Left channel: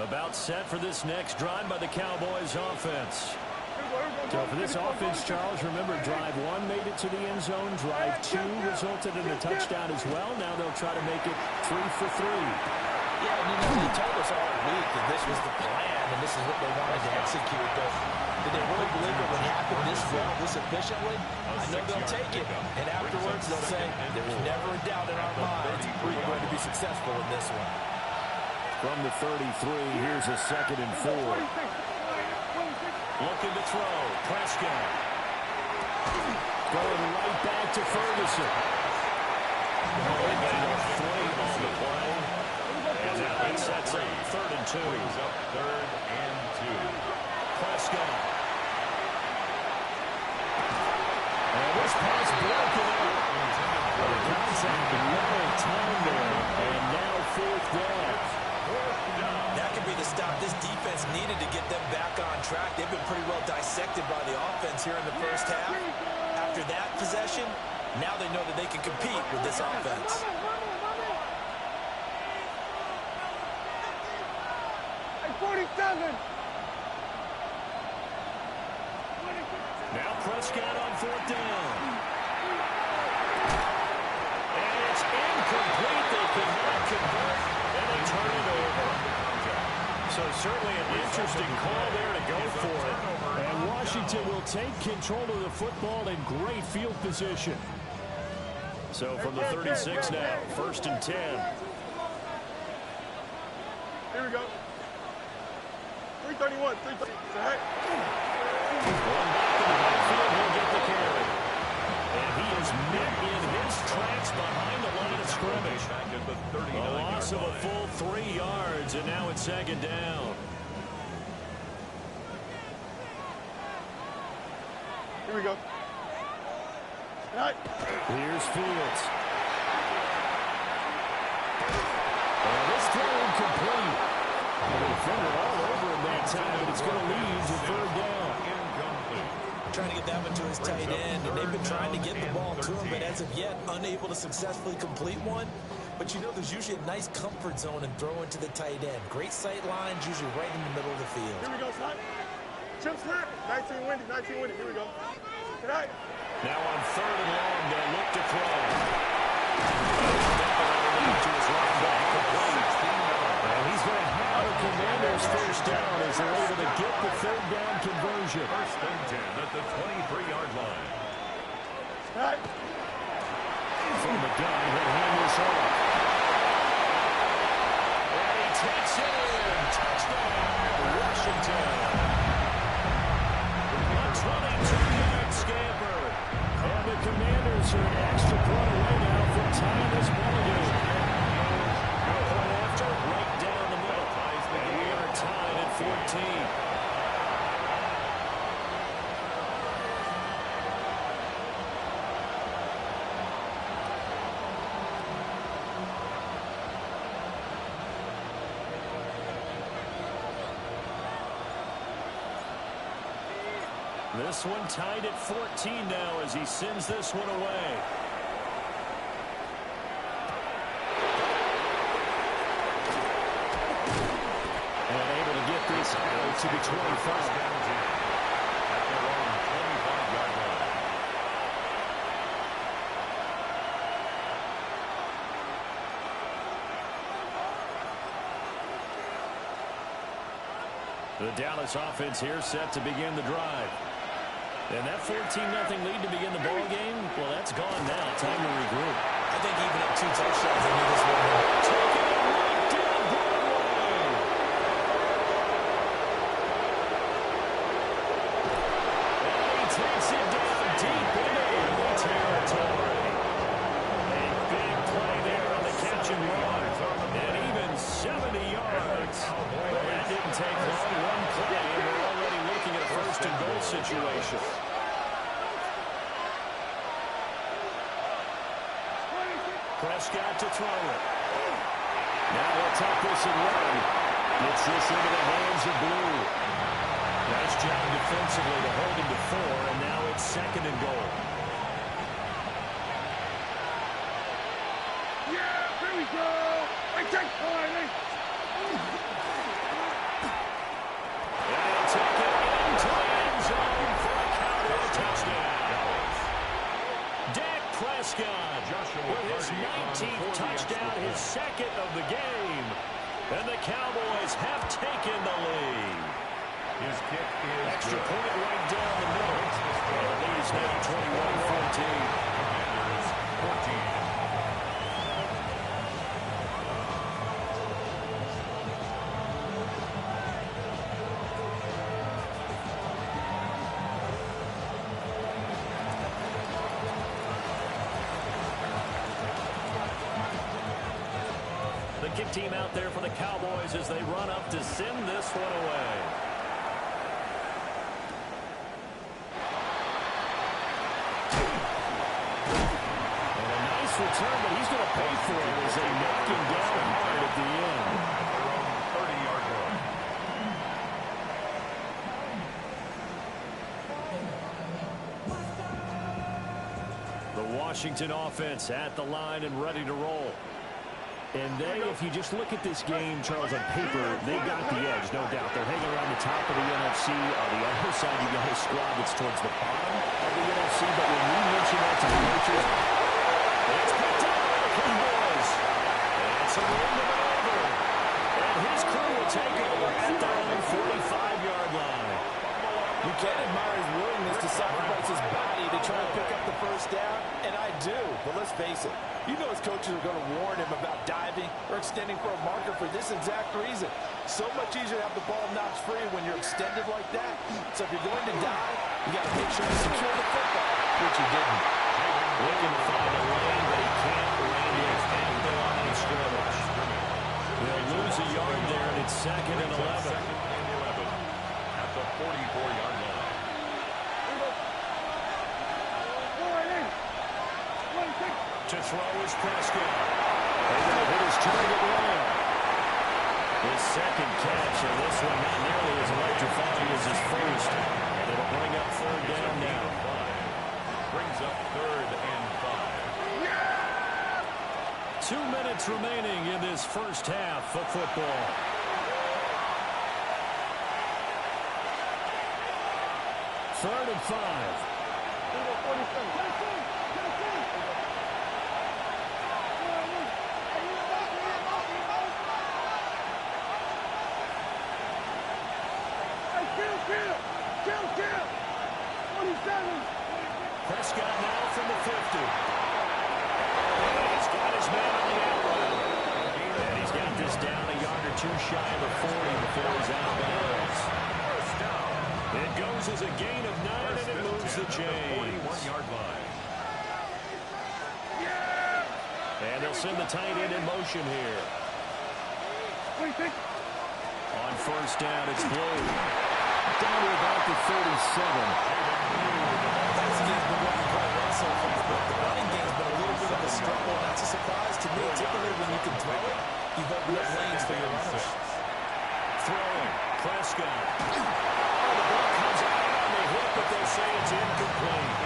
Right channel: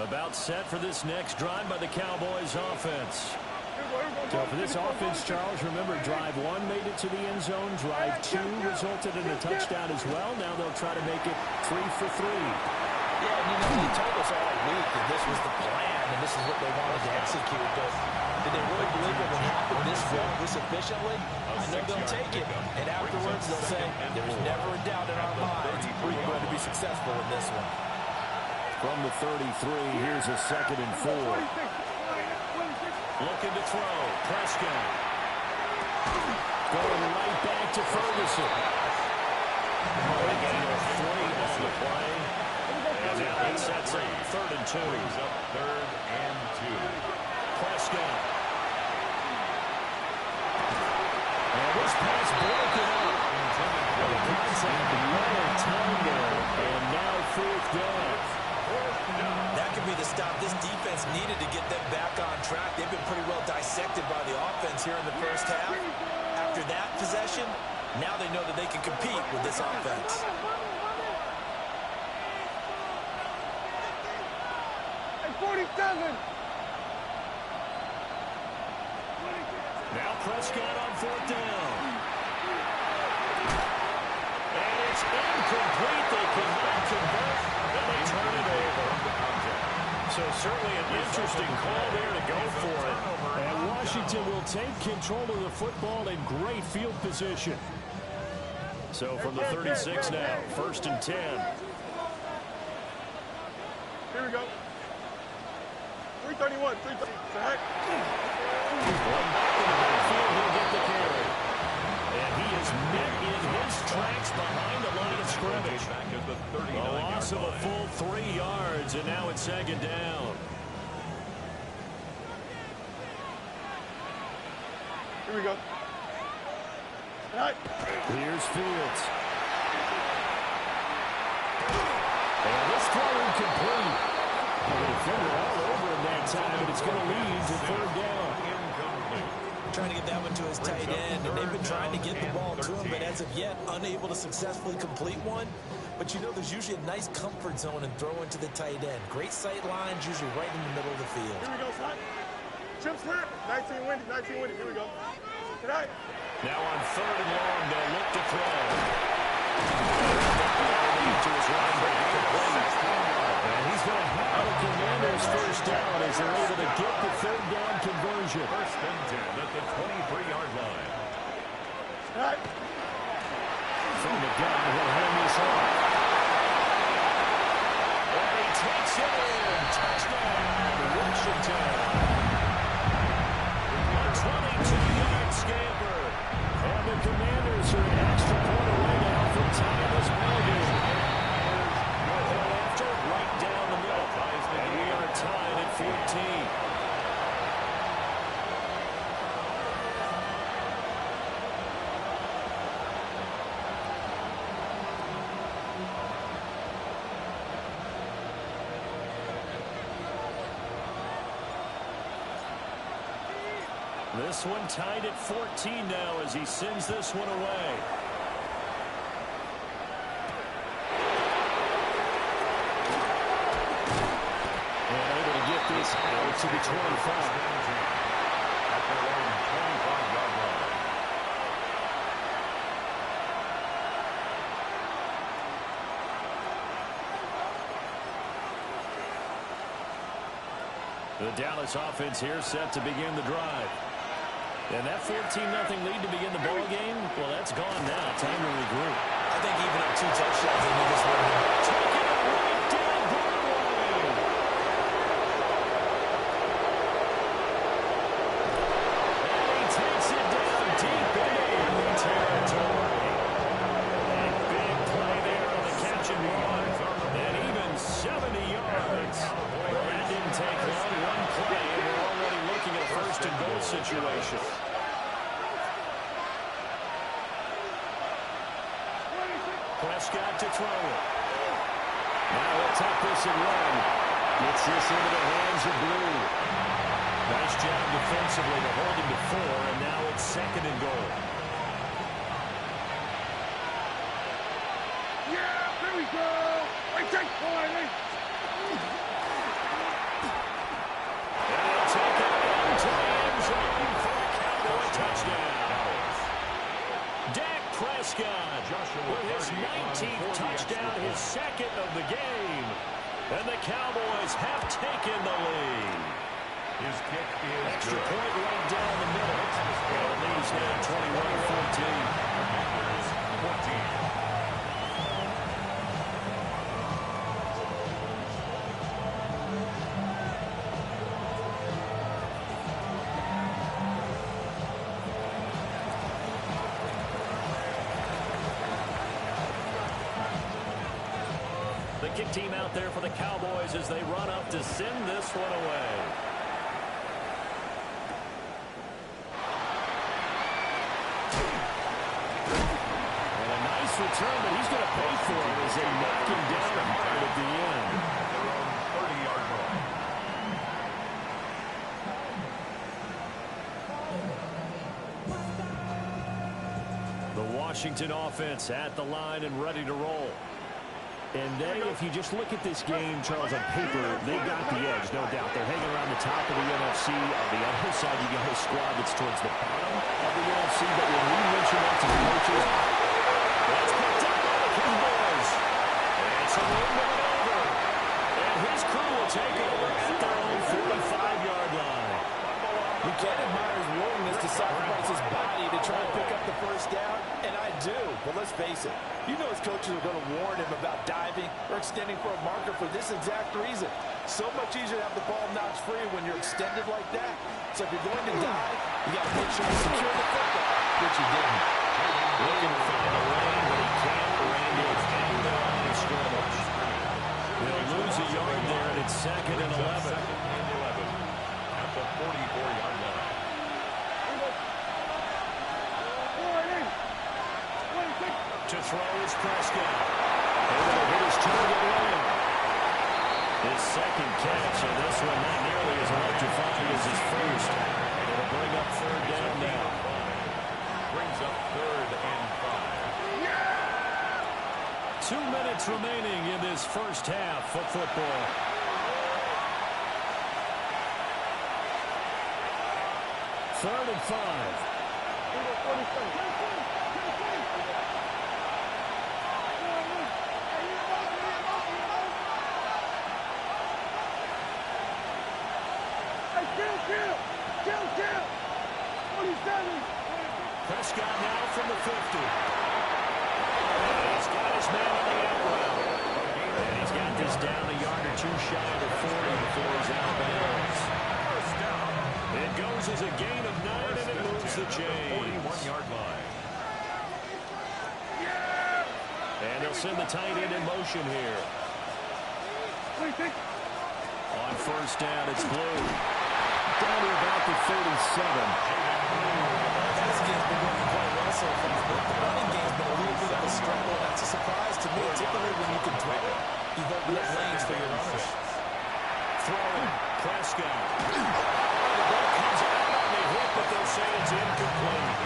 About set for this next drive by the Cowboys offense. So for this offense, Charles, remember, drive 1 made it to the end zone. Drive 2 resulted in a touchdown as well. Now they'll try to make it 3 for 3. Yeah, and they told us all week that this was the plan and this is what they wanted to execute. But did they really believe it would happen this well, this efficiently? I know they'll take it. And afterwards, they'll say, there was never a doubt in our minds we're going to be successful in this one. From the 33, here's a 2nd and 4. Looking to throw. Prescott. Going right back to Ferguson. Going to gain 3 on the play. And now it sets up 3rd and 2. Brings up 3rd and 2. Prescott. And this pass broken up. The contact well timed there. And now 4th down. That could be the stop this defense needed to get them back on track. They've been pretty well dissected by the offense here in the first half. After that possession, now they know that they can compete with this offense. Now Prescott on 4th down. And it's incomplete. They cannot convert, and they turn it over. So certainly an interesting call there to go for it. And Washington will take control of the football in great field position. So from the 36 now, 1st and 10. Here we go. 331, 330. Going back in the backfield, he'll get the carry. And he is met in his tracks behind the line of scrimmage. Back at the 39-yard line. A loss of a full 3 yards, and now it's 2nd down. Here we go. Here's Fields. And this throw incomplete. And the defender all over him that time, but it's going to lead to 3rd down. Incomplete. Trying to get that one to his tight end, and they've been trying to get the ball to him, but as of yet, unable to successfully complete one. But you know, there's usually a nice comfort zone in throwing to the tight end. Great sight lines, usually right in the middle of the field. Here we go, son. Chip's hurt. 19 windy, 19 windy. Here we go. Tonight. Now on 3rd and long, they'll look to throw. To his right back, complete. And he's going to have the Commanders' 1st down as they're able to get the 3rd down conversion. 1st and 10 at the 23-yard line. From the gun, he'll hand this off. And he takes it in. Touchdown, Washington. A 22-yard scamper. And the Commanders are an extra point away now from tying this ballgame. Point after, right down the middle. And we are tied at 14. This one tied at 14 now as he sends this one away. And able to get this out to the 25. At their own 25-yard line. The Dallas offense here set to begin the drive. And that 14-0 lead to begin the ball game, well, that's gone now. Time to regroup. I think even up 2 touchdowns, they need this one. Taking it right down Broadway. And he takes it down deep into enemy territory. A big play there on the catch and run. And even 70 yards. Well, that didn't take long. One play, and we're already looking at a 1st and goal situation. Prescott to throw it. Now he'll tuck this and run. Gets this into the hands of Blue. Nice job defensively to hold him to 4, and now it's 2nd and goal. Yeah, here we go. I take point. take it into the end zone for a Cowboy touchdown. Dak Prescott with his 19th touchdown, his second of the game. And the Cowboys have taken the lead. His kick is extra good. point right down the middle. And the lead is now 21-14. Commanders 14. The kick team out there for the Cowboys as they run up to send this one away. And a nice return, but he's going to pay for it as they knock him down hard at the end. At their own 30-yard line. The Washington offense at the line and ready to roll. And they, if you just look at this game, Charles, on paper, they got the edge, no doubt. They're hanging around the top of the NFC. On the other side, you got a squad that's towards the bottom of the NFC. But when we mention that to the coaches, it's picked up by the Cowboys. And some wind of it over. And his crew will take over at their own 45-yard line. You can't admire his willingness to sacrifice his body to try and pick up the first down, and I do. But let's face it, you know his coaches are going to warn him about diving or extending for a marker for this exact reason. So much easier to have the ball knocked free when you're extended like that. So if you're going to dive, you got to make sure you secure the football, which he didn't. Looking to find a lane, but he can't land it at the line of scrimmage. They'll lose a yard there, and it's 2nd and 11. Second and 11 at the 44-yard line. To throw is Prescott. Able to hit his target layup. His second catch, and this one not nearly as electrifying as his first. And it'll bring up 3rd down now. Brings up 3rd and 5. 2 minutes remaining in this first half of football. Third and 5. Prescott now from the 50. And he's got his man on the out route. And he's got this down a yard or two shy of the 40 before he's out of bounds. First down. It goes as a gain of 9, and it moves the chains. 41-yard line. And they'll send the tight end in motion here. On first down, it's Blue. Down to about the 37. Passing game's been working quite well so far, but the running game's been a little bit of a struggle. That's a surprise to me. Typically, when you can throw it, you've opened up lanes for your runners. Throwing, Prescott. Oh, the ball comes out on the hit, but they'll say it's incomplete.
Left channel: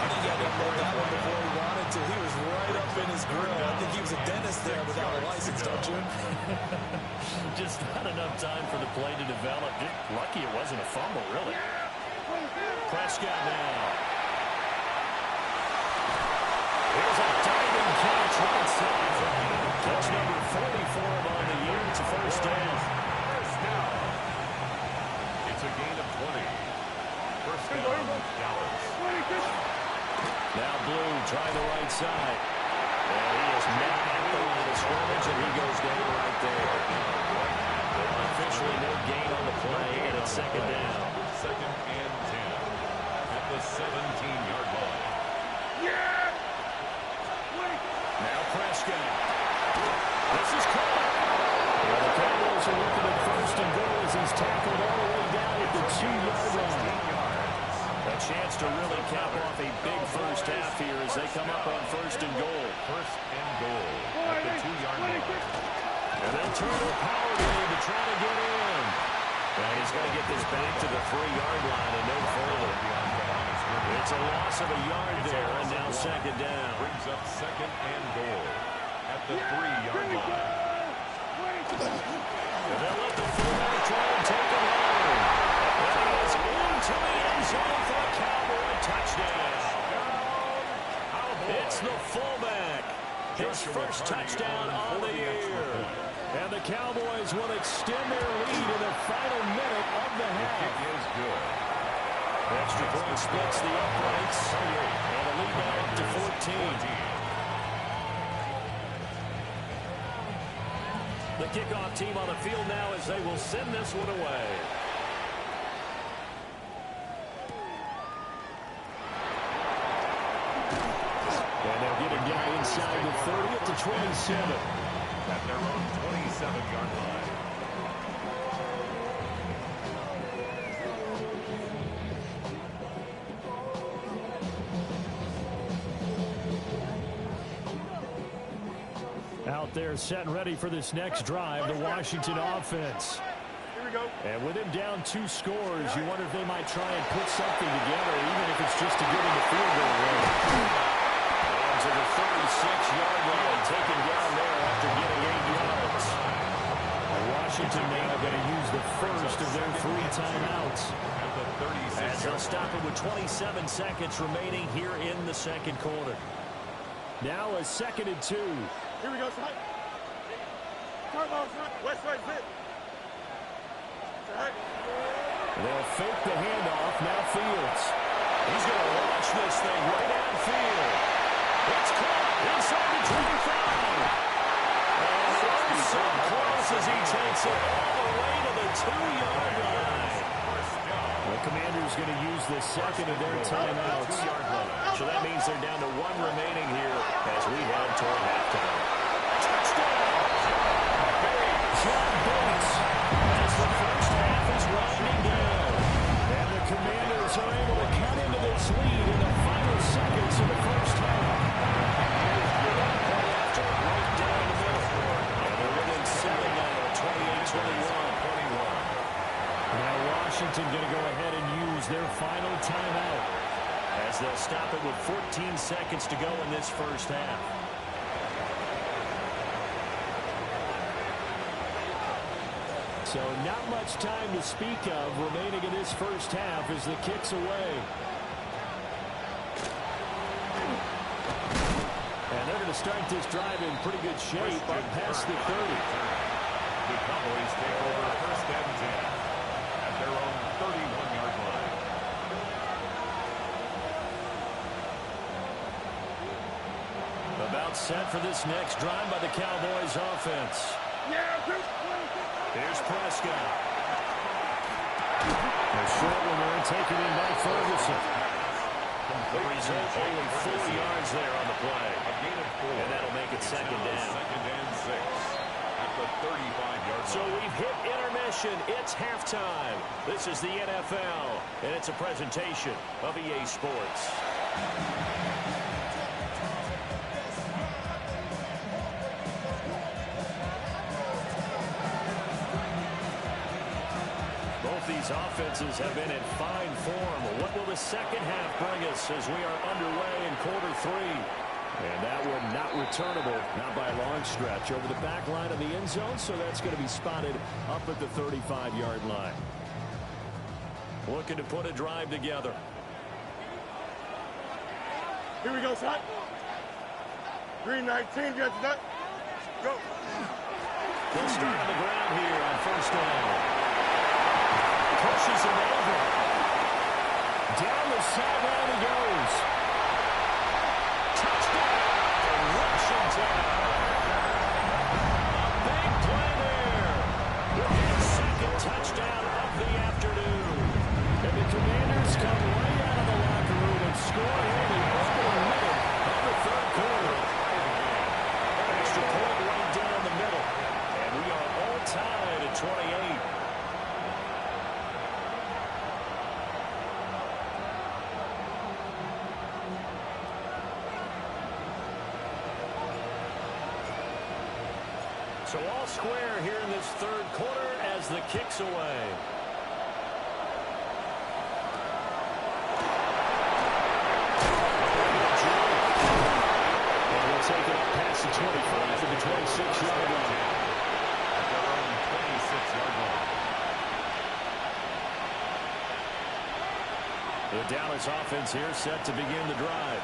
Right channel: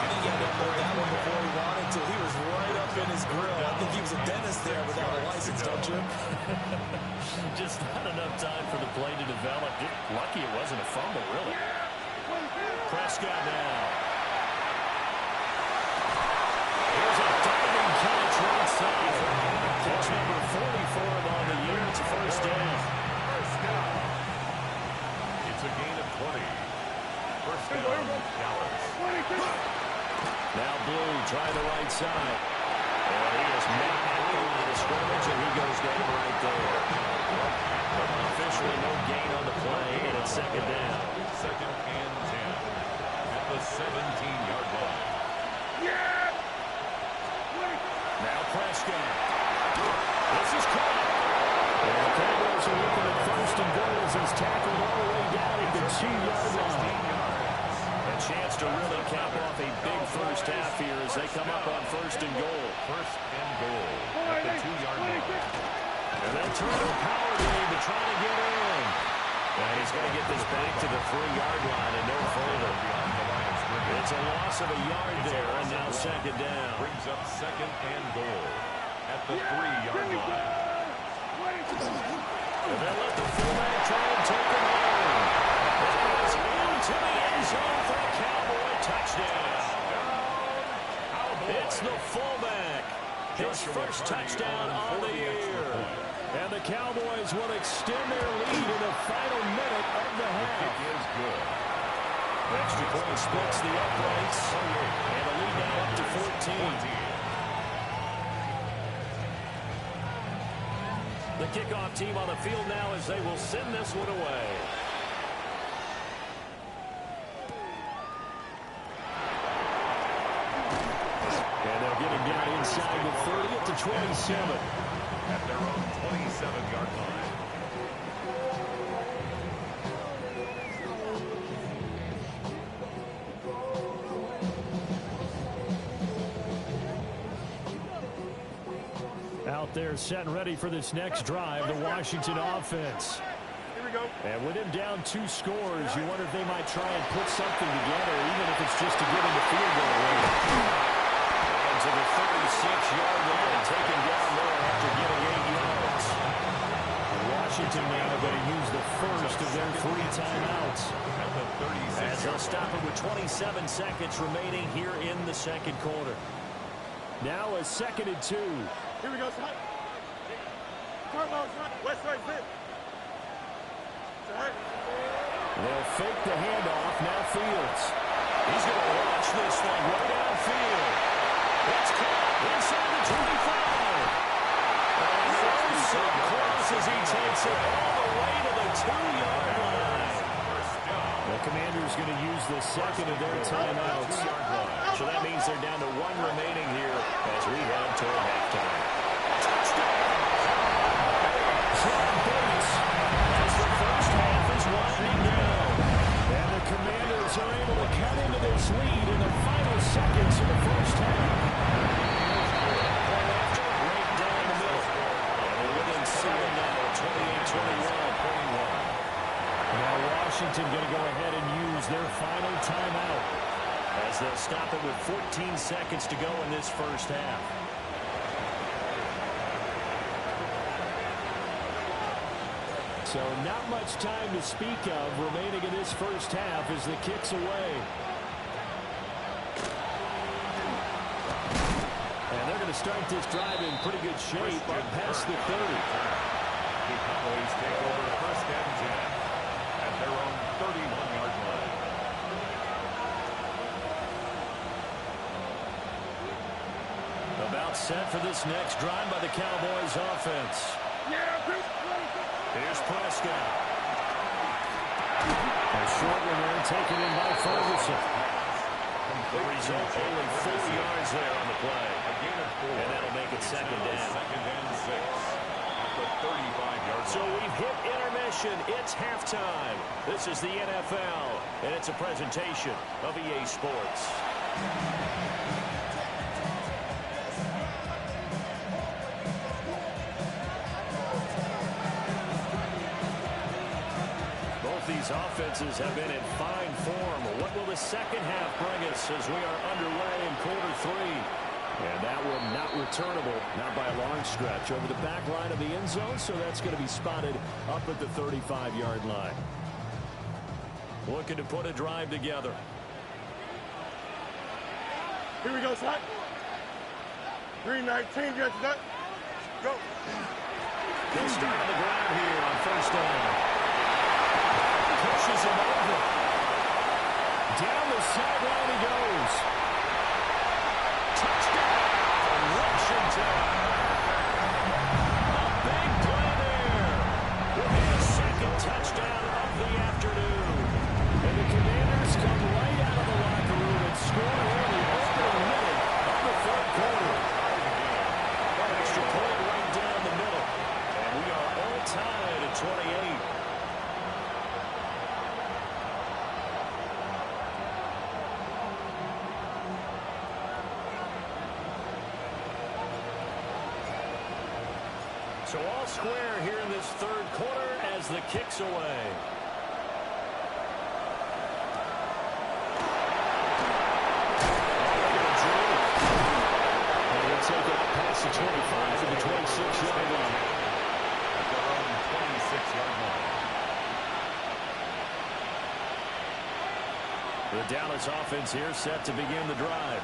I think he had to upload that one before he wanted to. He was right up in his grill. I think he was a dentist there without a license, don't you? Just not enough time for the play to develop. Just lucky it wasn't a fumble, really. Prescott now. Here's a diving catch right side. Catch number 44 on the year. It's a first down. First down. It's a gain of 20. First down, Dallas. Now Blue trying the right side. And he is met at the line of scrimmage, and he goes down right there. Officially no gain on the play, and it's 2nd down. 2nd and 10 at the 17-yard line. Now Prescott. This is caught. And the Cowboys are looking at 1st and goal as he's tackled all the way down at the 2-yard line. A chance to really cap off a big first half here as they come up on 1st and goal. 1st and goal at the 2-yard line. And then turn to power game to try to get in. And he's going to get this back to the 3-yard line and no further. It's a loss of a yard there, and now 2nd down. Brings up 2nd and goal at the 3-yard line. And they'll let the fullback try and take him home. into the end zone for a Cowboy touchdown. It's the fullback. His first touchdown on the year. And the Cowboys will extend their lead in the final minute of the half. The kick is good. Extra point splits the uprights. And the lead now up to 14. The kickoff team on the field now as they will send this one away. And they'll get him down inside the 30 at the 27. At their own 27-yard line. Out there set and ready for this next drive, the Washington offense. Here we go. And with him down 2 scores, you wonder if they might try and put something together, even if it's just to get into field goal range. And to the 36-yard line, taken down there after getting 8 yards. And Washington now going to use the first of their 3 timeouts. At the 36. As they'll stop it with 27 seconds remaining here in the second quarter. Now a 2nd and 2. Here we go, son. Come on, son. West side fit. They'll fake the handoff. Now Fields. He's going to launch this thing way downfield. It's caught inside the 25. And so close as he takes it all the way to the 2-yard line. The Commanders going to use the second of their timeouts. So that means they're down to 1 remaining here as we head toward halftime. Touchdown! John Bates as the first half is winding down. And the Commanders are able to cut into this lead in the final seconds of the first half. Point after, right down the middle. And they're within 7 now at 28-21. Now Washington going to go ahead and use their final timeout as they'll stop it with 14 seconds to go in this first half. So not much time to speak of remaining in this first half as the kick's away. And they're going to start this drive in pretty good shape up past the 30. The Cowboys take over 1st and 10 at their own 31-yard line. About set for this next drive by the Cowboys offense. Here's Prescott. A short one there, taken in by Ferguson. The result, only 4 yards there on the play. A gain of 4. And that'll make it second down. 2nd and 6 at the 35-yard line. So we've hit intermission. It's halftime. This is the NFL, and it's a presentation of EA Sports. These offenses have been in fine form. What will the second half bring us as we are underway in quarter 3? And that one not returnable, not by a long stretch, over the back line of the end zone, so that's going to be spotted up at the 35-yard line. Looking to put a drive together. Here we go, son. Green 19, get to that. Go. They'll start on the ground here on first down. Pushes him over. Down the sideline he goes. Touchdown, Washington. A big play there. His second touchdown of the afternoon. And the Commanders come right out of the locker room and score here in the opening minute of the 3rd quarter. An extra point right down the middle. And we are all tied at 28. So all square here in this 3rd quarter as the kick's away. And he'll take it up past the 25 to the 26-yard line. At their own 26-yard line. The Dallas offense here set to begin the drive.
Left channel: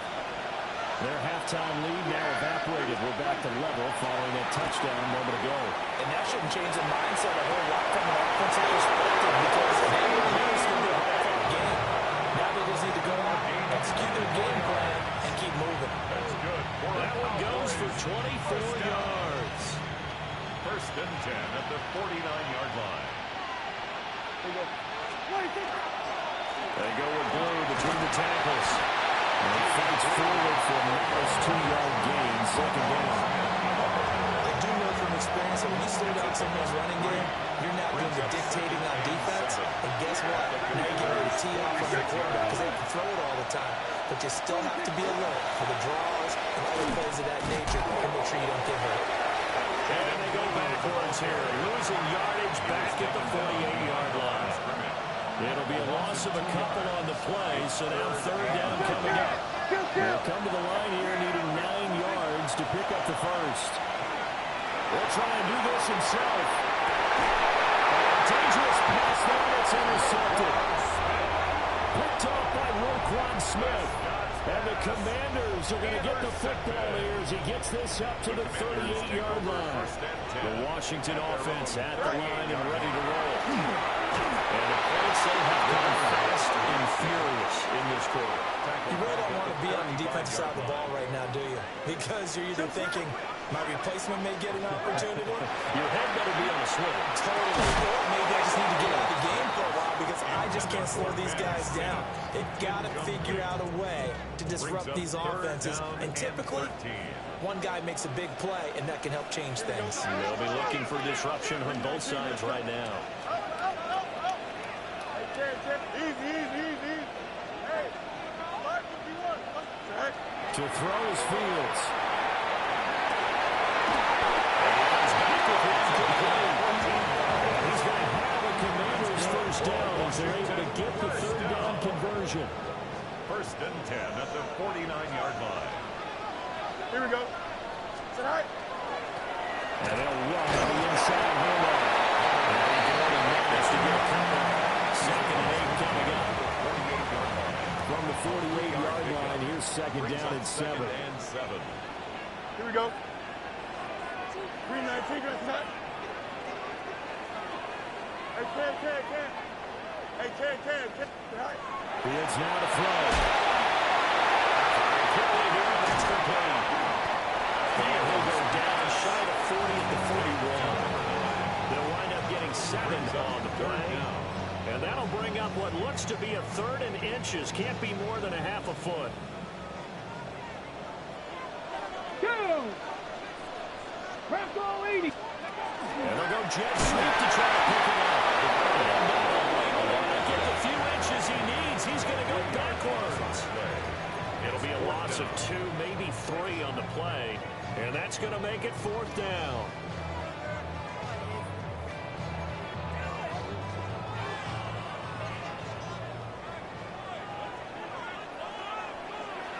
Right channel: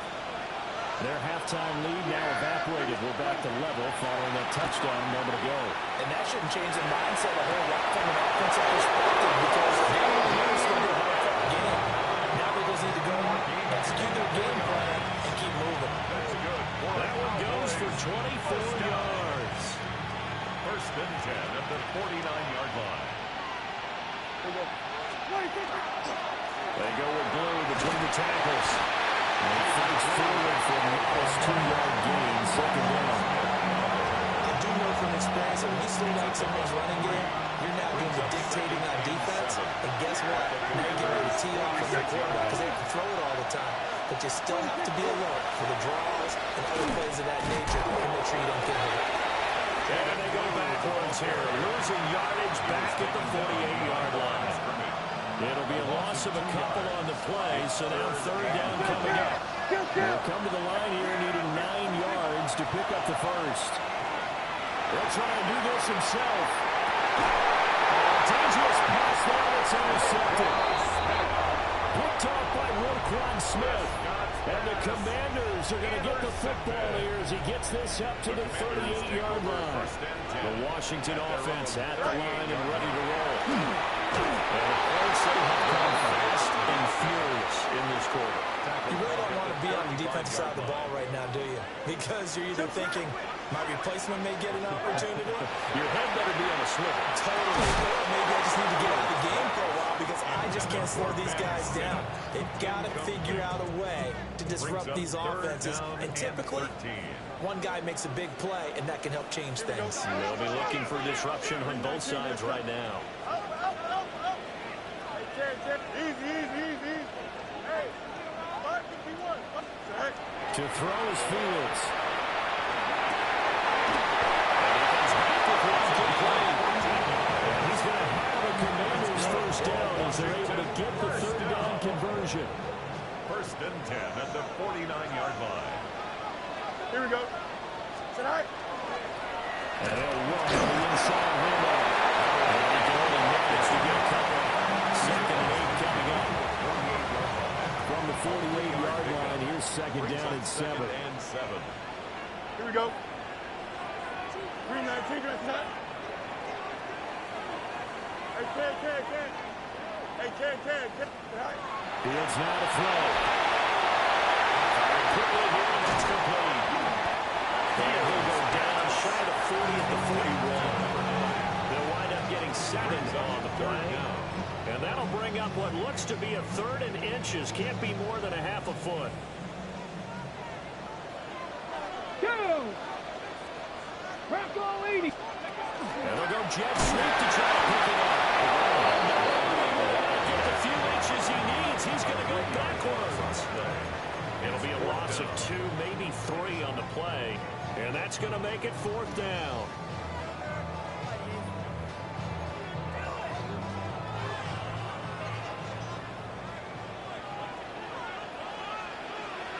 Their halftime lead now evaporated. We're back to level following that touchdown a moment ago. And that shouldn't change the mindset a whole lot from an offensive perspective because everyone knows it's going to be a hard-fought game. Now they just need to go out, execute their game plan, and keep moving. That's good. That one goes for 24 yards. First and 10 at the 49-yard line. They go with blue between the tackles. And he fights forward for a modest 2-yard gain, second down. I do know from experience that when you slow down someone's running game, you're now doing the dictating on defense. And guess what? Now you're getting ready to tee off on the quarterback because they can throw it all the time. But you still have to be alert for the draws and other plays of that nature and make sure you don't get hurt. And they go backwards here, losing yardage back at the 48-yard line. It'll be a loss of a couple on the play, so now third down coming up. They'll come to the line here needing 9 yards to pick up the first. He'll try and do this himself. Dangerous pass there that's intercepted. Picked off by Roquan Smith. And the Commanders are going to get the football here as he gets this up to the 38-yard line. The Washington offense at the line and ready to roll. And the points, they have come fast and furious in this quarter. You really don't want to be on the defensive side of the ball right now, do you? Because you're either thinking, my replacement may get an opportunity. Your head better be on a swivel. Totally. Or maybe I just need to get out of the game for a while because I just can't slow these guys down. They've got to figure out a way to disrupt these offenses. And typically, one guy makes a big play, and that can help change things. They'll be looking for disruption on both sides right now. Easy. Hey, 551. To throw is Fields. And he comes back with one complete. And he's going to have a Commanders first down as they're able to get the third down conversion. First and 10 at the 49-yard line. Here we go. Tonight. And they'll run on the inside handoff. And he can only manage to get a couple. Second and 8 coming up. From the 48-yard line, here's second down and 7. Here we go. 319, tonight. Hey, Ken. Hey, Ken. Tonight. Fields now to throw. Firing quickly here, and that's complete. And he'll go down shy of 40 at the 41. They'll wind up getting 7 on the play. And that'll bring up what looks to be a third and inches. Can't be more than a half a foot. And they'll go jet sweep to try to pick it up. And not only will that get the few inches he needs, he's going to go backwards. It'll be a loss of 2, maybe 3 on the play. And that's going to make it fourth down.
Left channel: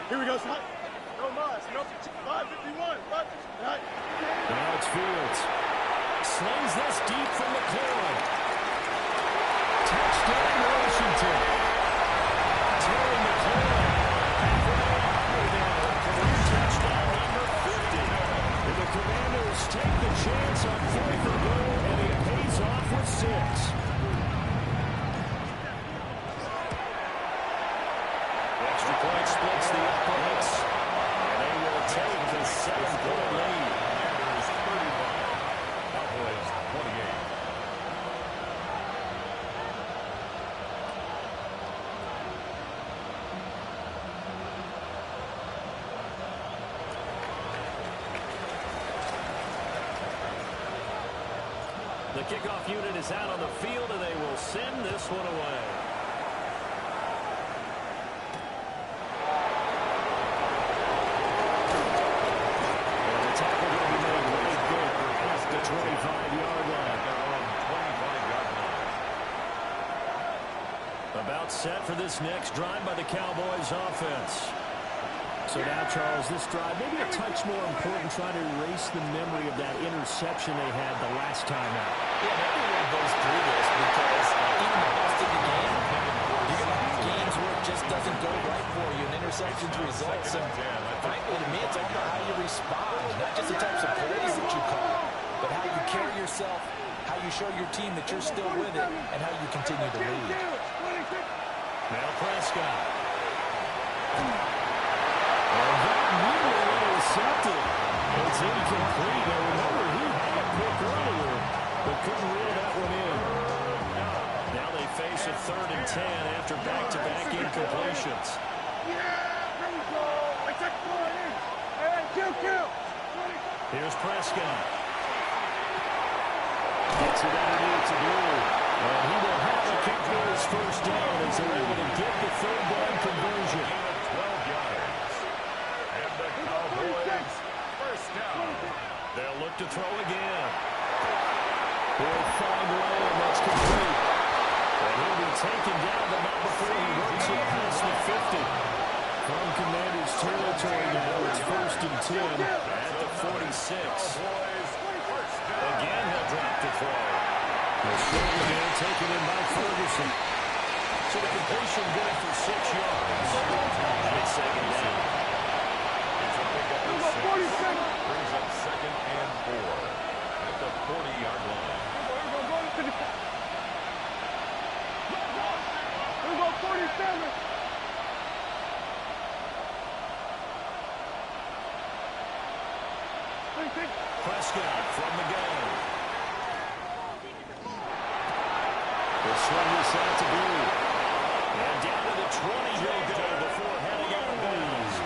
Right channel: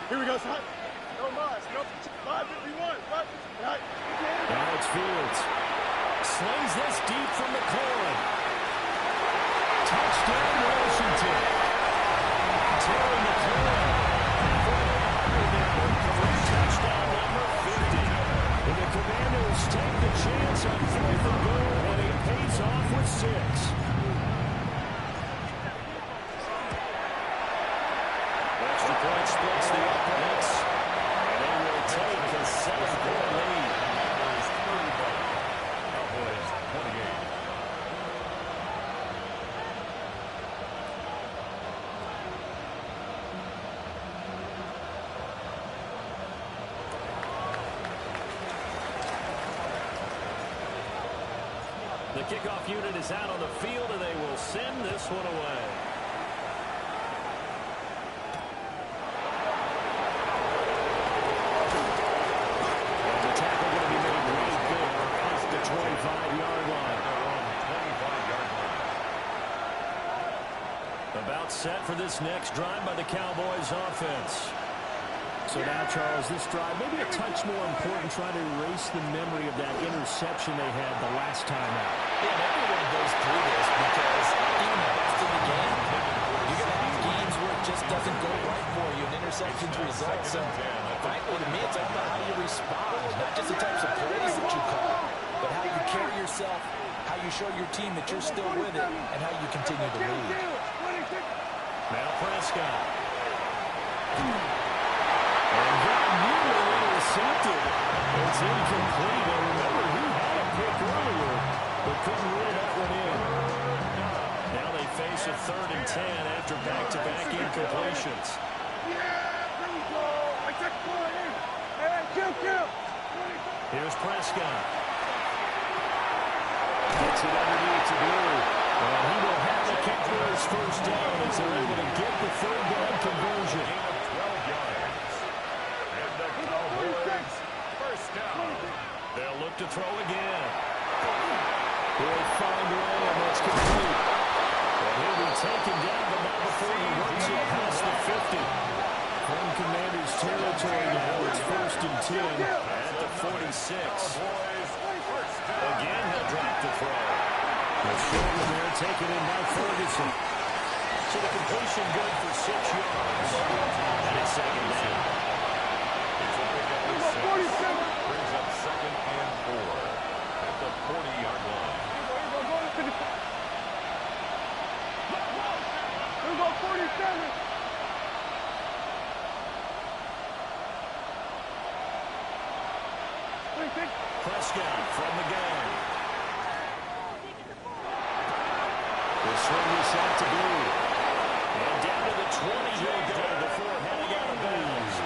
Here we go, son. No mas. No 551. Now it's Fields. Slings this deep from McLaurin. Touchdown, Washington. Terry McLaurin. Halfway now. Career touchdown number 50. And the Commanders take the chance on 4th and goal, and it pays off with 6. Extra point splits the uprights, and they will take a 7-point lead. Commanders 35, Cowboys 28. The kickoff unit is out on the field, and they will send this one away. Tackle going to be made right there off the 25-yard line. Their own 25-yard line. About set for this next drive by the Cowboys offense. So now, Charles, this drive maybe a touch more important, trying to erase the memory of that interception they had the last time out. Yeah, everyone goes through this because even the best of the game, you're going to have games where it just doesn't go right for you, and interceptions result. So, frankly, to me, it's all about how you respond, not just the types of plays that you call, but how you carry yourself, how you show your team that you're still with it, and how you continue to lead. Now Prescott. And that nearly intercepted. It's incomplete. Now remember, he had a pick earlier, but couldn't reel that one in. Now they face a 3rd and 10 after back-to-back incompletions. Here's Prescott. Gets it underneath to Blue. And he will have a kick for his first down as they're able to get the 3rd down conversion. Gain of 12 yards. And the Cowboys first down. They'll look to throw again. He'll find Lamb. That's complete. And he'll be taken down, but not before he works it past the 50. From Commanders territory now, it's 1st and 10 at the 46. Again, he'll drop the throw. The shoulder there taken in by Ferguson. So the completion good for 6 yards. And it's 2nd down. It's a pickup of 6. Brings up 2nd and 4 at the 40-yard line. Here go 47. Prescott from the gun. The swing is out to Blue. And down to the 20 he'll go before heading out of bounds.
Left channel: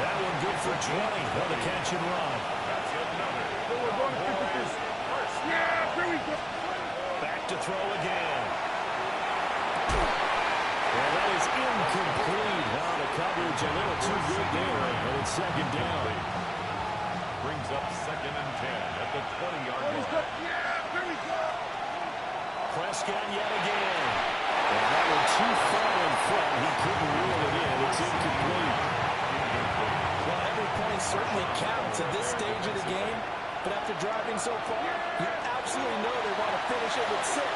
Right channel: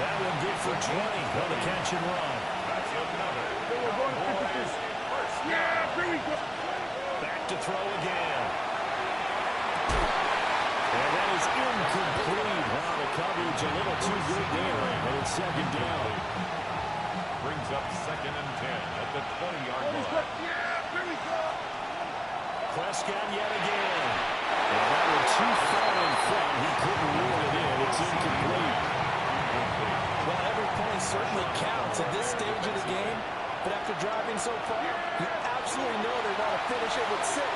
That one good for 20 on the catch and run. That's another. Cowboys first down. Yeah, here we go. Back to throw again. And that is incomplete. Wow, the coverage a little too good there. And it's 2nd down. Brings up 2nd and 10 at the 20-yard line. Yeah, here we go. Prescott yet again. And that one too far in front. He couldn't reel it in. It's incomplete. Well, every point certainly counts at this stage of the game. But after driving so far, you absolutely know they want to finish it with 6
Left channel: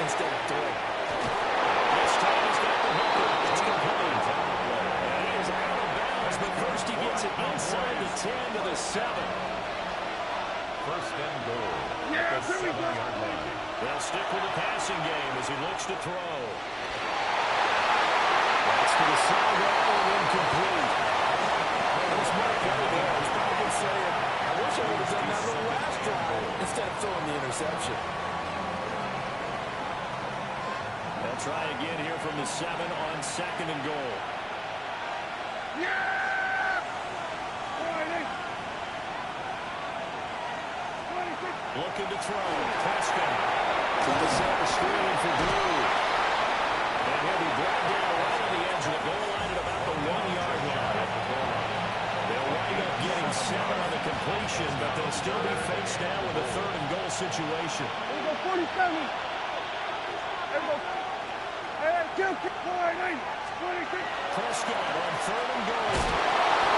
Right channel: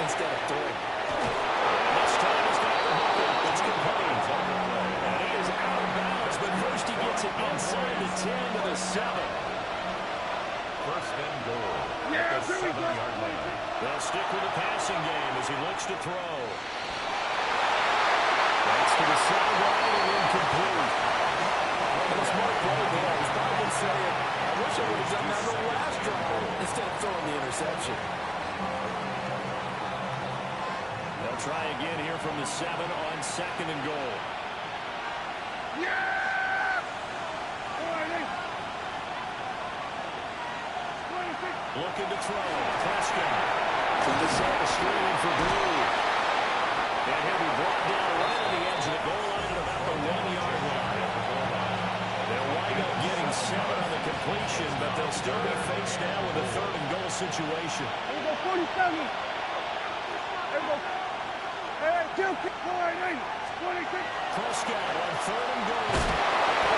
instead of 3. This time he's got the hook up. It's complete. And he is out of bounds, but first he gets it inside the 10 to the 7. First and goal at the 7-yard line. They'll stick with the passing game as he looks to throw. That's to the sideline and incomplete. And a smart play there. He's probably saying, I wish I would have done that on the last drive instead of throwing the interception. They'll try again here from the 7 on 2nd and goal. Yeah! Looking to throw. Prescott. Trying to set the screen for Blue. And he'll be brought down right on the edge of the goal line at about the 1-yard line. They'll wind up getting 7 on the completion, but they'll still be faced now with a 3rd and goal situation. Here we go 47. Here we go. Hey, kill, 49. 26. Prescott on 3rd and goal.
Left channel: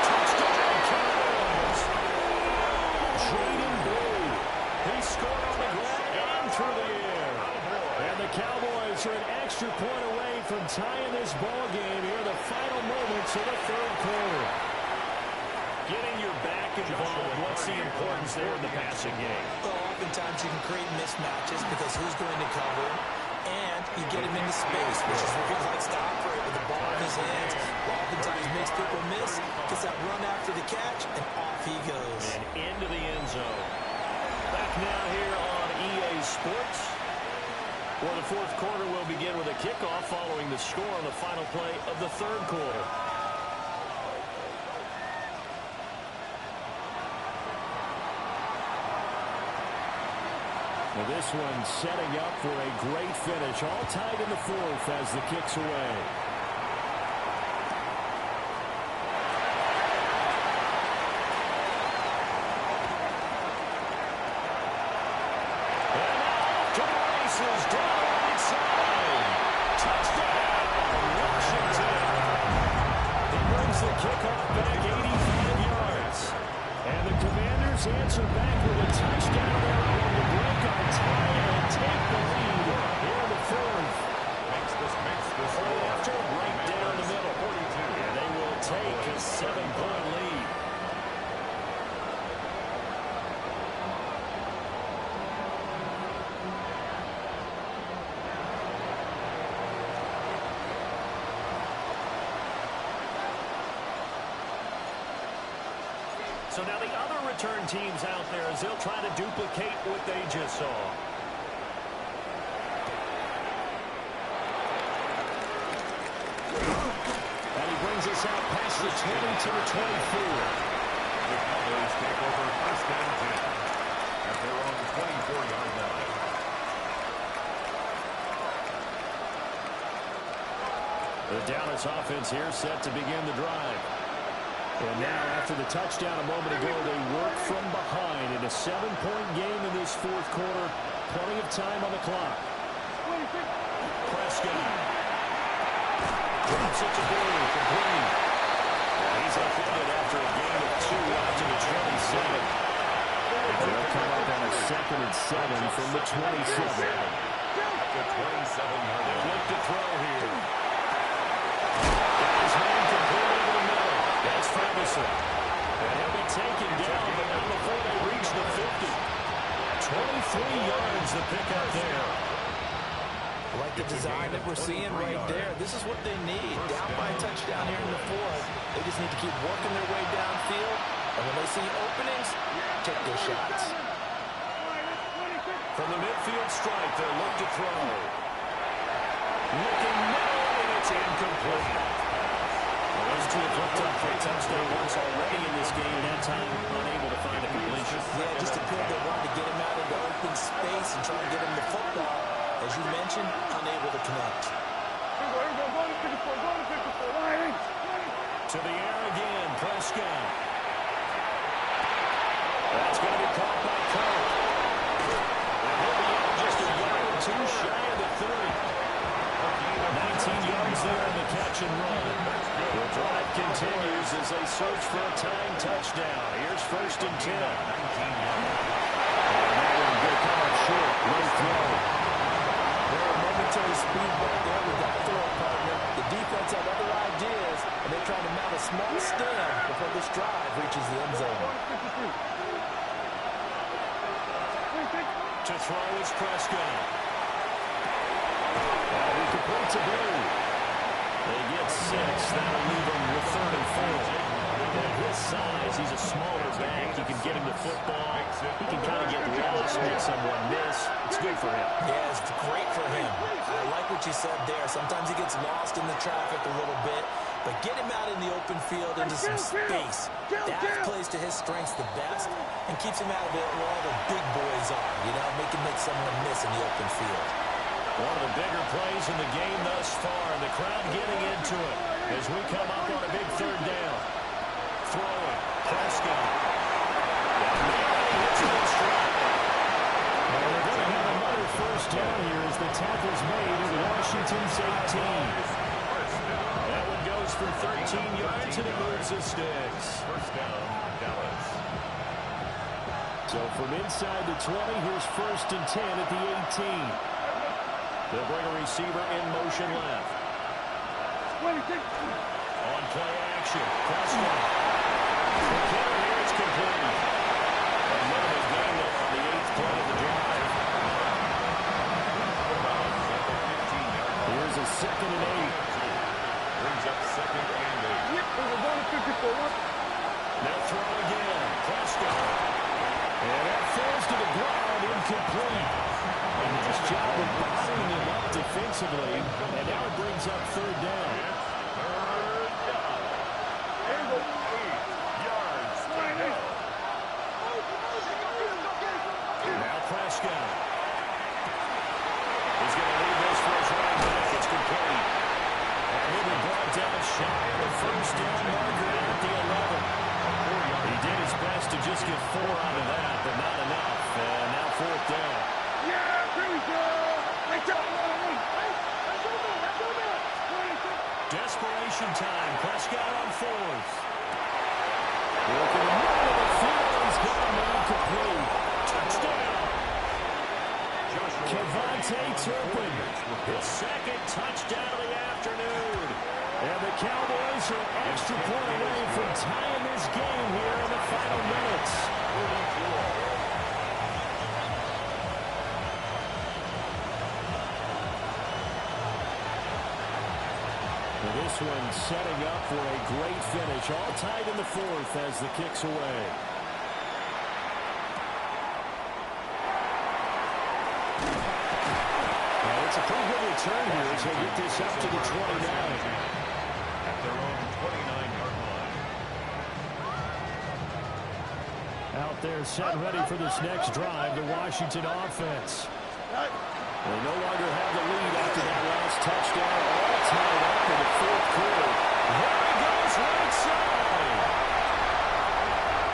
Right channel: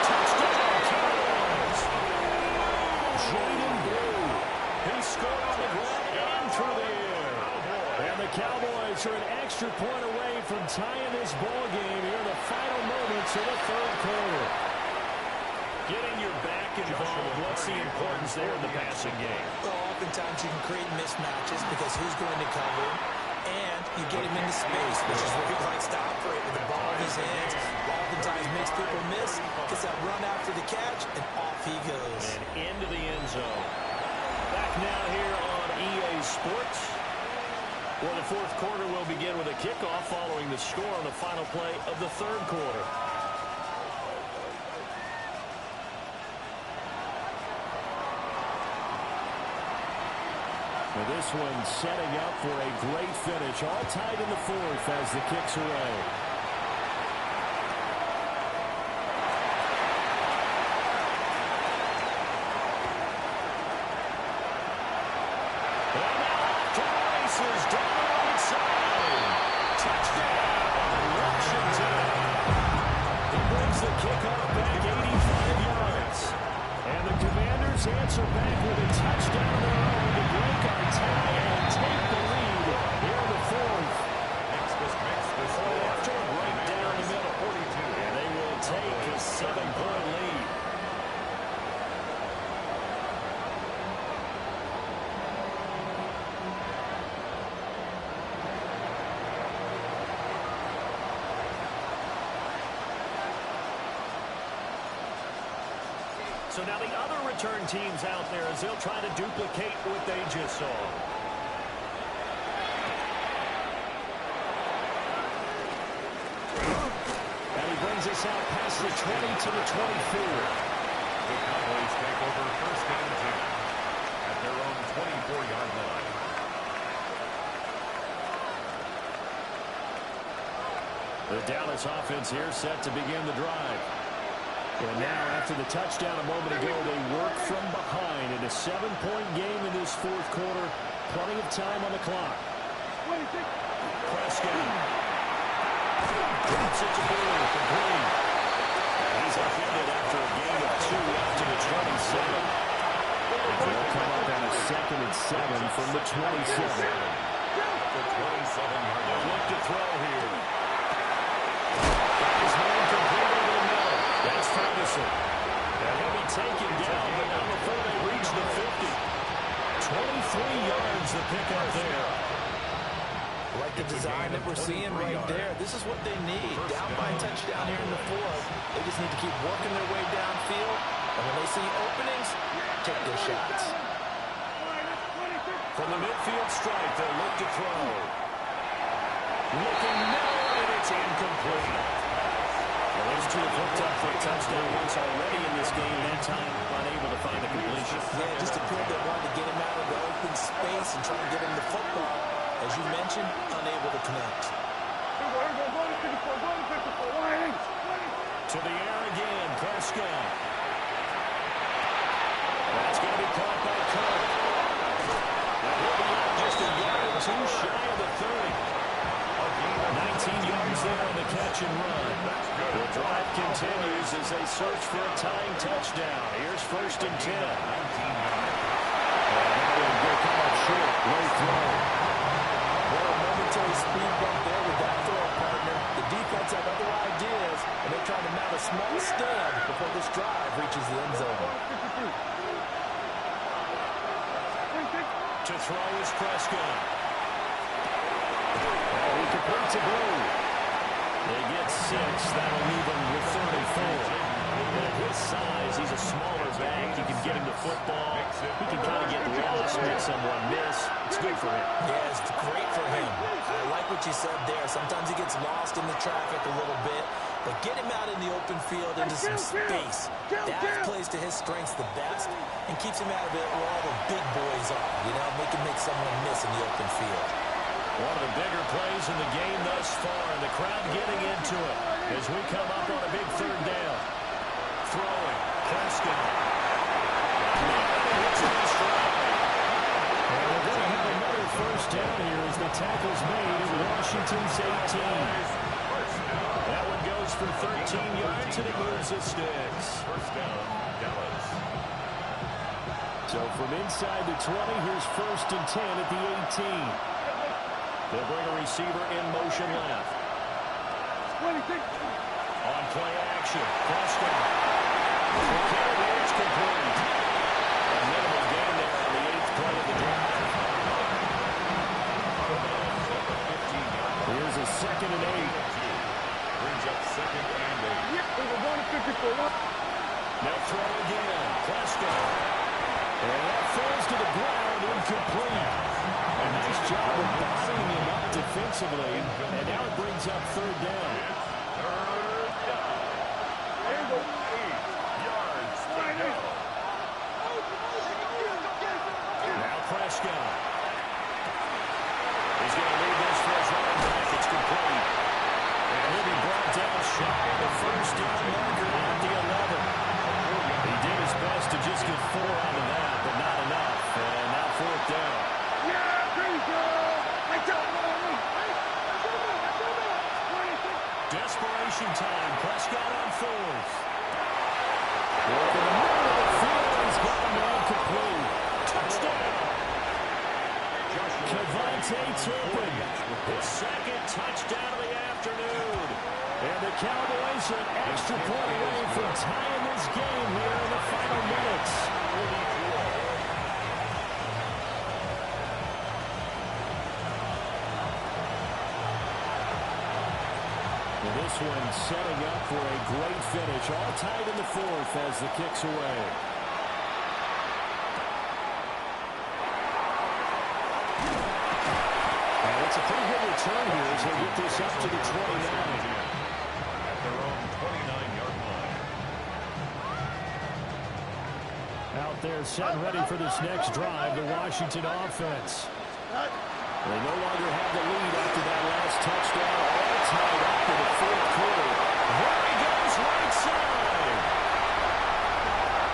Touchdown, Cowboys. Jaden Blue. He scored on the ground and through the air. And the Cowboys are an extra point away from tying this ball game here in the final moments of the 3rd quarter. Getting your back involved, what's the importance there in the passing game? Well, oftentimes you can create mismatches because who's going to cover, and you get him into space, which is where he likes to operate with the ball in his hands. Oftentimes makes people miss, gets that run after the catch, and off he goes. And into the end zone. Back now here on EA Sports, where the 4th quarter will begin with a kickoff following the score on the final play of the 3rd quarter. Now this one setting up for a great finish. All tied in the 4th as the kick's away. And now off to the races down the right side. Touchdown, Washington. He brings the kickoff back 85 yards. And the Commanders answer back with a touchdown of their own to break our tie and take the lead here in the 4th. Makes this After a great So now the other return teams out there as they'll try to duplicate what they just saw. And he brings us out past the 20 to the 24. The Cowboys take over 1st and 10 at their own 24-yard line. The Dallas offense here set to begin the drive. And now after the touchdown a moment ago, they work from behind in a 7-point game in this 4th quarter. Plenty of time on the clock. Prescott drops it to Blue, complete. He's upended after a gain of 2 out to the 27. They'll come up on a 2nd and 7 from the 27. At the 27-yard line. Look to throw here. Got his man complete over the middle. That's Ferguson. And he'll be taken down, but not before they reach the 50. 23 yards the pickup there. Like the design that we're seeing right there. This is what they need. Down by a touchdown here in the 4th. They just need to keep working their way downfield. And when they see openings, take their shots. From the midfield stripe, they'll look to throw. Looking middle, and it's incomplete. Well, those two have hooked up for a touchdown once already in this game. That time, unable to find a completion. Yeah, just appeared they wanted to get him out into open space and try to get him the football. As you mentioned, unable to connect. To the air again, Prescott. That's going to be caught by Kirk. And he'll be out just a yard or 2 shy of the 30. 19 yards there on the catch and run. The drive continues as they search for a tying touchdown. Here's 1st and 10. 19 yards. And that one will come up short. Low throw. Well, a momentary speed bump there with that throw partner. The defense had other ideas, and they tried to mount a small stand before this drive reaches the end zone. To throw is Prescott. He completes a Blue. They get 6. That'll leave him with 34. And at his size, he's a smaller back. You can get him the football. He can kind of get lost, make someone miss. It's good for him. Yeah, it's great for him. I like what you said there. Sometimes he gets lost in the traffic a little bit, but get him out in the open field into some space. That plays to his strengths the best and keeps him out of it where all the big boys are. You know, make someone miss in the open field. One of the bigger plays in the game thus far, and the crowd getting into it as we come up on a big 3rd down. Throwing, Prescott. He hits it in stride. And they're going to have another 1st down here as the tackle's made at Washington's 18. That one goes for 13 yards, and it moves the sticks. 1st down, Dallas. So from inside the 20, here's 1st and 10 at the 18. They'll bring a receiver in motion left. On play action, Prescott. McKinnon here, it's complete. A minimal gain there on the 8th play of the drive. Out of bounds at the 15-yard line. Here's a 2nd and 8. Brings up 2nd and 8. They'll throw again, Prescott. And that falls to the ground, incomplete. A nice job of bodying him up defensively. And now it brings up 3rd down. It's 3rd down. And 8 yards to go. Now Prescott. He's going to leave this for his running back. It's complete. And he'll be brought down shy of the 1st down marker at the 11. He did his best to just get 4 out of that, but not enough. And now 4th down. Desperation time. Prescott on 4th. Working the middle of the field. He's got a man complete. Touchdown. Kevontae Turpin. His 2nd touchdown of the afternoon. And the Cowboys are an extra point away from tying this game here in the final minutes. 44. This one setting up for a great finish. All tied in the 4th as the kick's away. And it's a pretty good return here as they get this up to the 29. At their own 29-yard line. Out there set and ready for this next drive, the Washington offense. They no longer have the lead after that last touchdown, all tied up in the fourth quarter. There he goes, right side.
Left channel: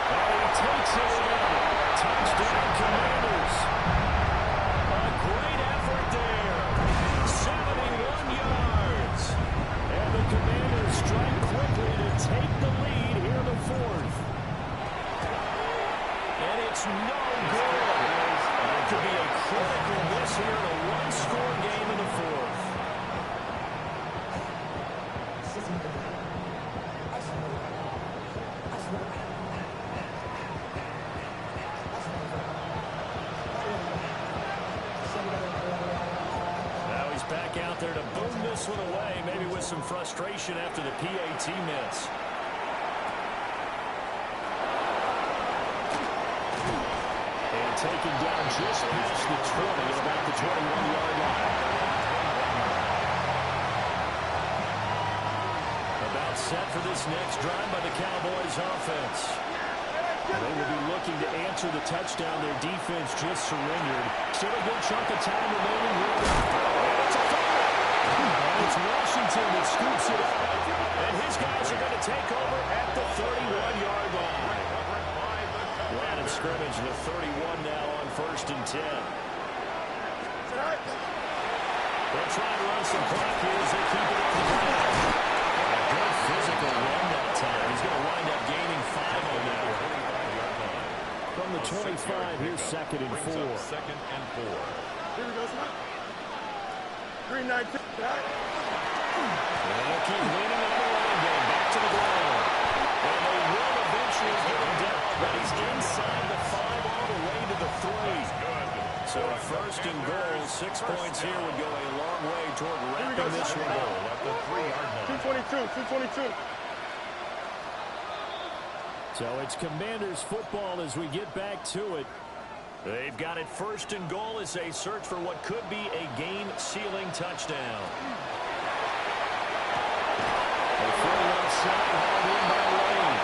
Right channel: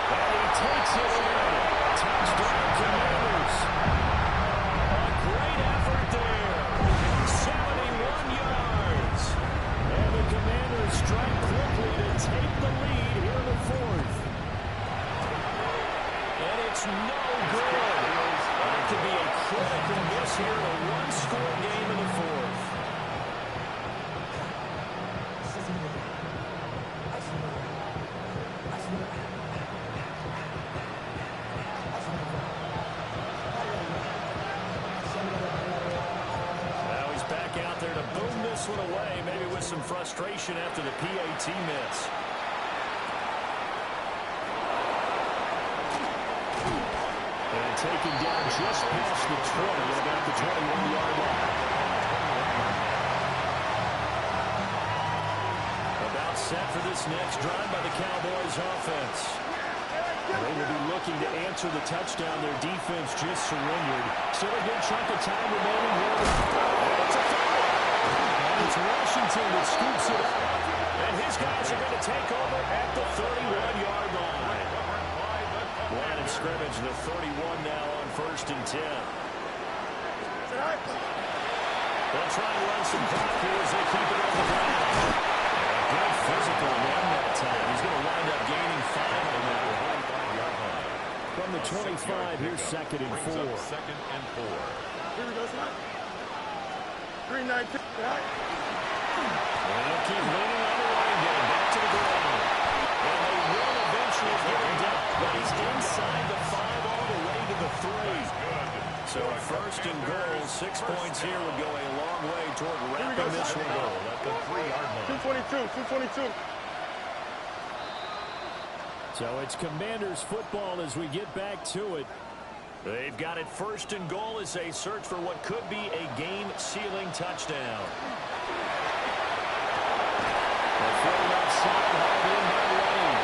And he takes it in. Touchdown, Commanders. A great effort there. 71 yards. And the Commanders strike quickly to take the lead here in the fourth. And it's no good. That could be a critical miss here in a one-score game in the fourth. Now he's back out there to boom this one away, maybe with some frustration after the PAT miss. And taken down just past the 20 at about the 21-yard line. About set for this next drive by the Cowboys offense. They will be looking to answer the touchdown. Their defense just surrendered. Still a good chunk of time remaining here. And it's a fumble. And it's Washington that scoops it up. And his guys are going to take over at the 31-yard line. Line of scrimmage, the 31 now on 1st and 10. They'll try and run some clock here as they keep it on the ground. And a good physical run that time. He's going to wind up gaining 5 on that one. From the 25, here's 2nd and 4. 2nd and 4. Here we go, son. 3-9. And they'll keep leaning on the running game. Back to the ground. And they will eventually get him down, but he's inside the 5 all the way to the 3. So 1st and goal, 6 points here would go a long way toward wrapping this one up. At the 3-yard line. 222. So it's Commanders football as we get back to it. They've got it 1st and goal as they search for what could be a game-sealing touchdown. They're throwing outside, hauled in by Lane.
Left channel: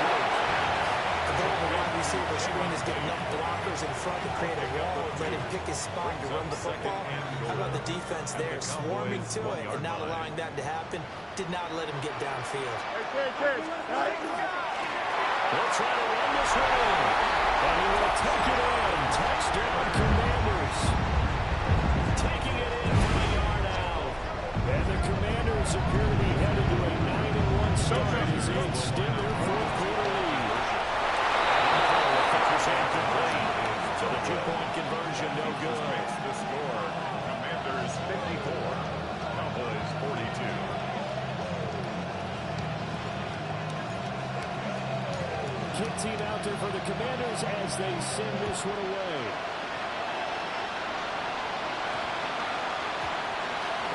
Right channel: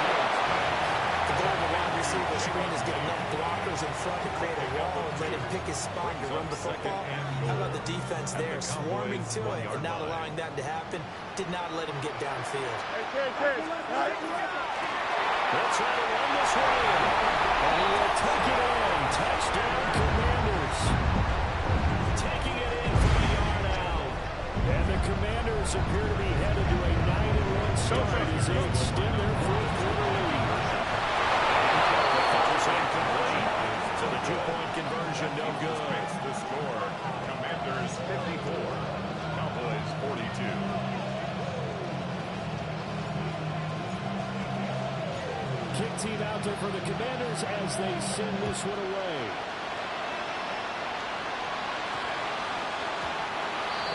The goal of the wide receiver screen is get enough blockers in front to create a wall and let him pick his spot to run the football. How about the defense there, swarming to it and not allowing that to happen? Did not let him get downfield. They'll try to run this one in. And he will take it in. Touchdown, Commanders. Taking it in from a yard out. And the Commanders appear to be headed to a 9-1 start as they extend their fourth quarter lead. And the incomplete. So the 2-point conversion no good. The score, Commanders 54, Cowboys 42. Kick team out there for the Commanders as they send this one away.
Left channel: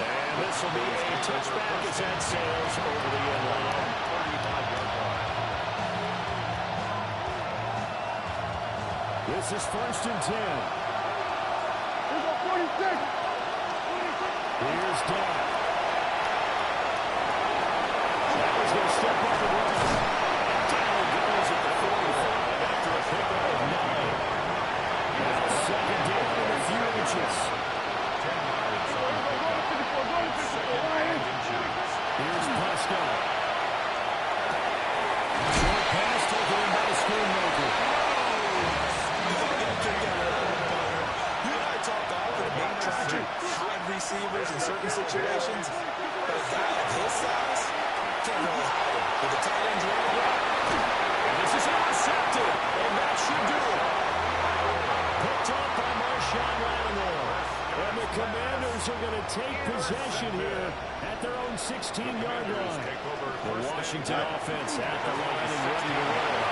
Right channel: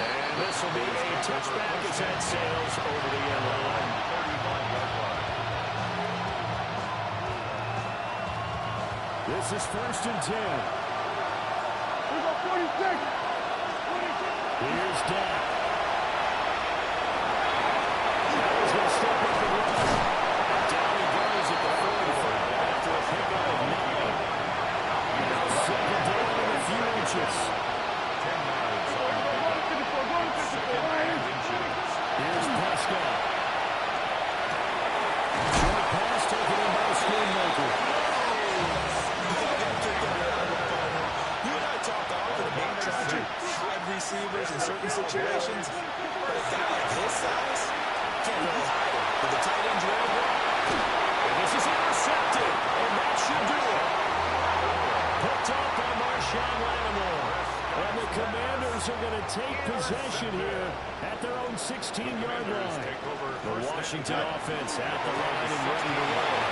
And this will be a touchback as that sails over the end line. 35-yard line. This is 1st and 10. We go 46. Here's Dak. That was going to step up and run. And down he goes at the 45 after a pickup of 9. Now 2nd down in a few inches. 10 yards on the pickup. 2nd and inches. Here's Prescott. Short pass taken in by Schoonmaker. You and I talk often about trying to hide receivers in certain situations, but a guy of his size can't really hide him. With the tight end's rail block. And this is intercepted, and that should do it. Picked off by Marshawn Lattimore. And the Commanders are going to take possession here at their own 16-yard line. The Washington offense at the line and ready to roll.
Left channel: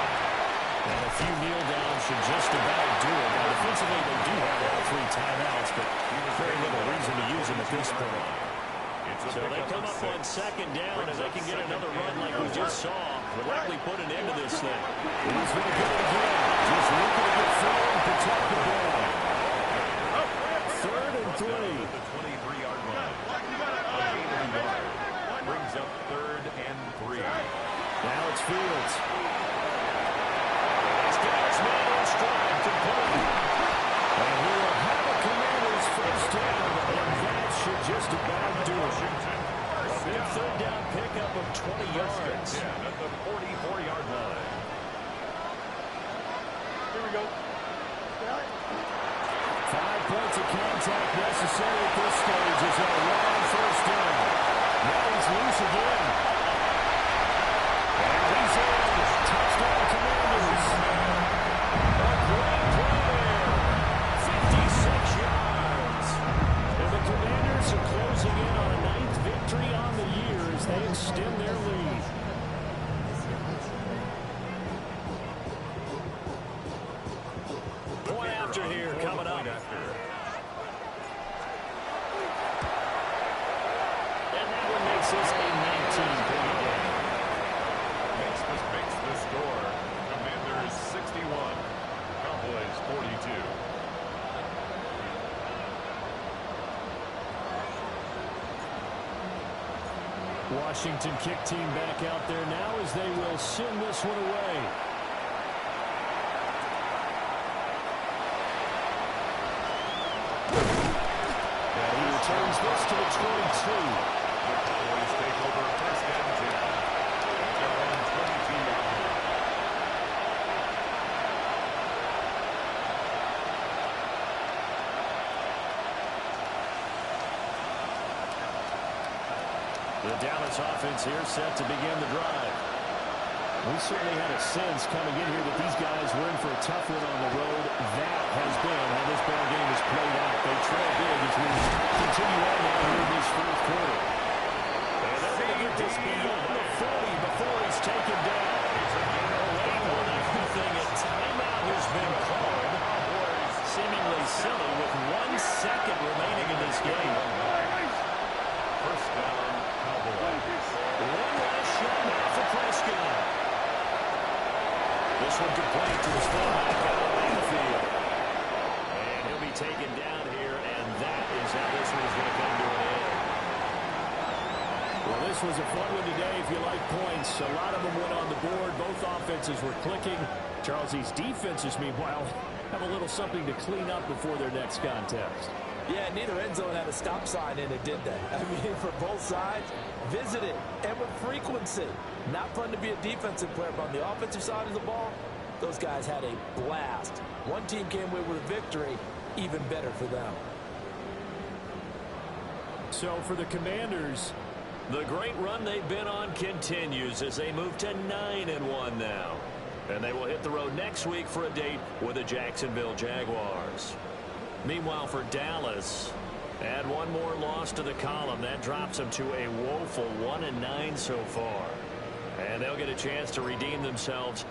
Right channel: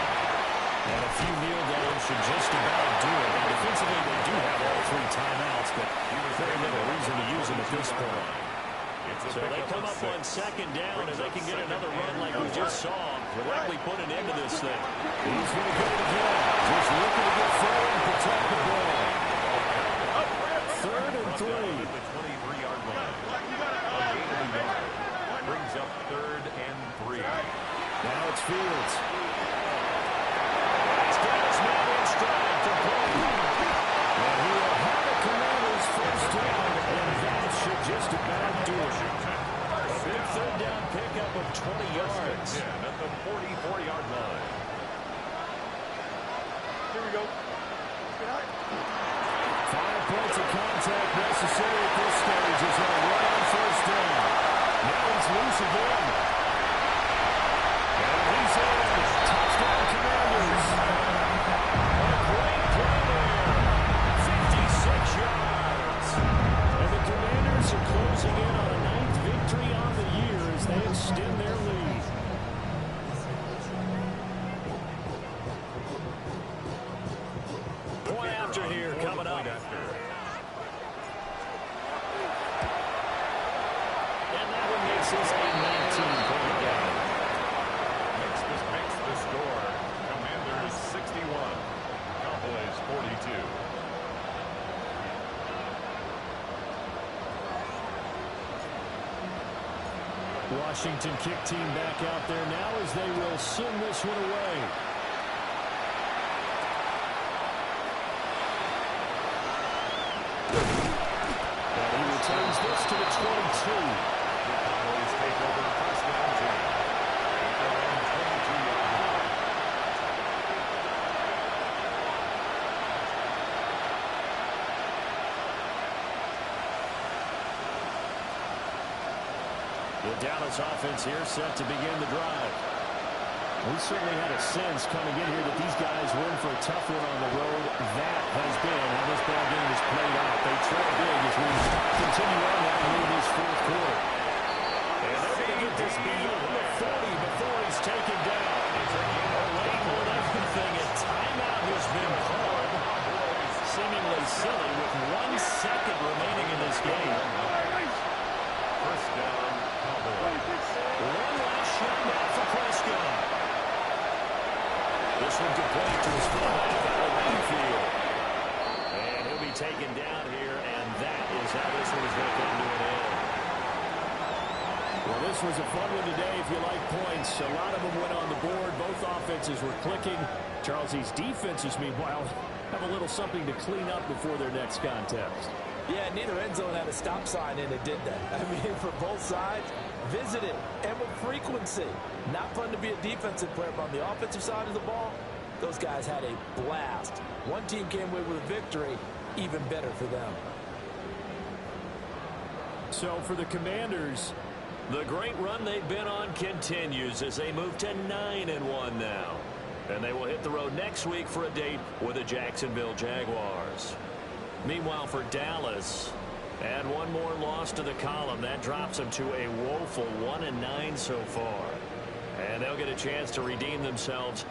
And a few kneel downs should just about do it. Now, defensively, they do have all 3 timeouts, but very little reason to use them at this point. So they come up on 2nd down, and they can get another run like we just saw. Would likely put an end to this thing. He's going to get it again. Just looking to get forward and protect the ball. 3rd and 3. At the 23-yard line. A gain of a yard. Brings up 3rd and 3. Now it's Fields. He's got his man in stride, complete. And he will have a Commanders first down, and that should just about do it. A big 3rd down pickup of 20 yards. At the 44-yard line. Here we go. 5 points of contact necessary at this stage as they'll run on first down. Now he's loose again. And he's in. Touchdown Commanders. A great play there. 56 yards. And the Commanders are closing in on a 9th victory on the year as they extend their lead. Point after here coming up. And that one makes this a 19-point game. Makes the score. Commanders 61. Cowboys 42. Washington kick team back out there now as they will send this one away. And he returns this to the 22. The Cowboys take over first and 10 at their own 22-yard line. The Dallas offense here set to begin the drive. We certainly had a sense coming in here that these guys were in for a tough one on the road. That has been how this ball game is played out. They trail big as we continue on now here in this 4th quarter. And they're going to get this beyond the 40 before he's taken down. It's a game of late on everything. A timeout has been called. Seemingly silly with 1 second remaining in this game. First down, Cowboys. One last shot now for Prescott. This one complete to his fullback out of the backfield. And he'll be taken down here, and that is how this one is going to come to an end. Well, this was a fun one today if you like points. A lot of them went on the board. Both offenses were clicking. Charles, these defenses, meanwhile, have a little something to clean up before their next contest. Yeah, neither end zone had a stop sign in it, did they? I mean, for both sides, visited and with frequency. Not fun to be a defensive player, but on the offensive side of the ball, those guys had a blast. One team came away with a victory, even better for them. So for the Commanders, the great run they've been on continues as they move to 9-1 now. And they will hit the road next week for a date with the Jacksonville Jaguars. Meanwhile, for Dallas, add one more loss to the column. That drops them to a woeful 1-9 so far. And they'll get a chance to redeem themselves.